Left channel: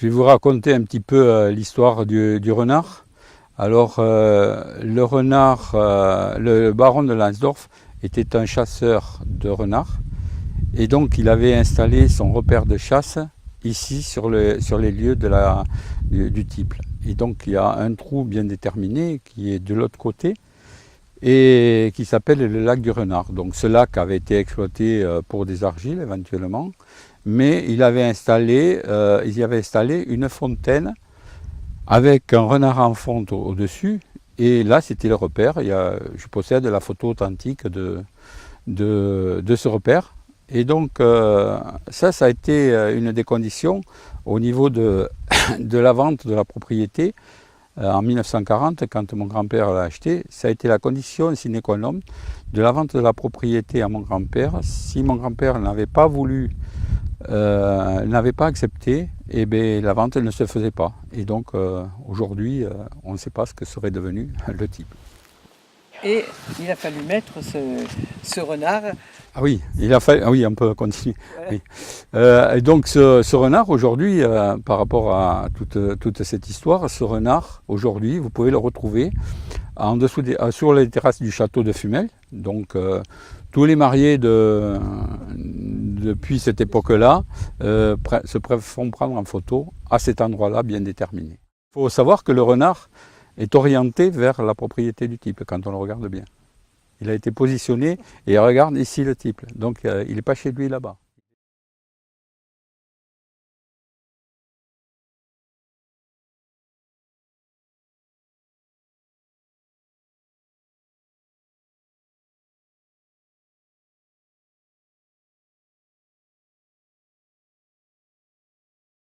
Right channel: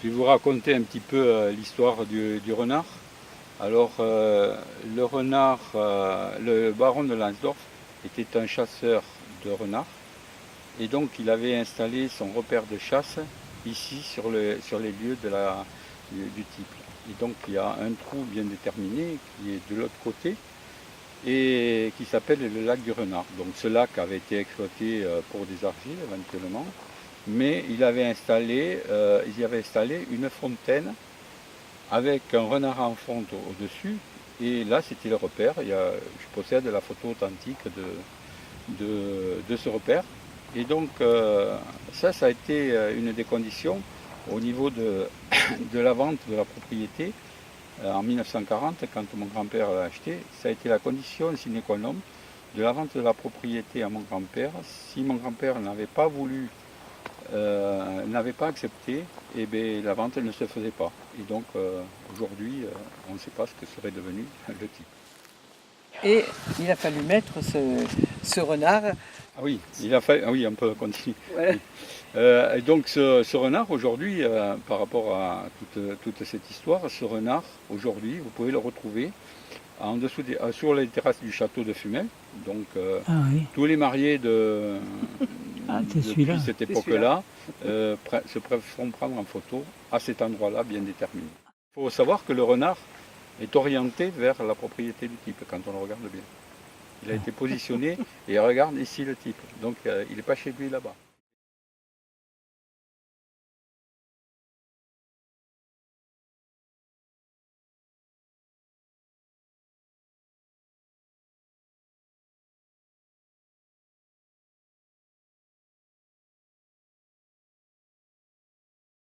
Je vais vous raconter un petit peu l'histoire du renard. Alors, le renard, le baron de Lansdorf était un chasseur de renards et donc il avait installé son repère de chasse ici sur les lieux du Tiple. Et donc il y a un trou bien déterminé qui est de l'autre côté et qui s'appelle le lac du renard. Donc ce lac avait été exploité pour des argiles éventuellement, mais il y avait installé une fontaine avec un renard en fonte au-dessus. Et là, c'était le repère. Je possède la photo authentique de ce repère. Et donc, ça a été une des conditions au niveau de la vente de la propriété en 1940, quand mon grand-père l'a acheté. Ça a été la condition sine qua non de la vente de la propriété à mon grand-père. Si mon grand-père n'avait pas voulu, n'avait pas accepté, et bien, la vente ne se faisait pas. Et donc aujourd'hui, on ne sait pas ce que serait devenu le type. Et il a fallu mettre ce renard. Ah oui, oui, on peut continuer. Voilà. Oui. Et donc ce renard aujourd'hui, par rapport à toute cette histoire, ce renard aujourd'hui, vous pouvez le retrouver en dessous sur les terrasses du château de Fumel. Donc Oui. tous les mariés depuis cette époque-là se font prendre en photo à cet endroit-là bien déterminé. Il faut savoir que le renard est orienté vers la propriété du type quand on le regarde bien. Il a été positionné et regarde ici le type. Donc il n'est pas chez lui là-bas.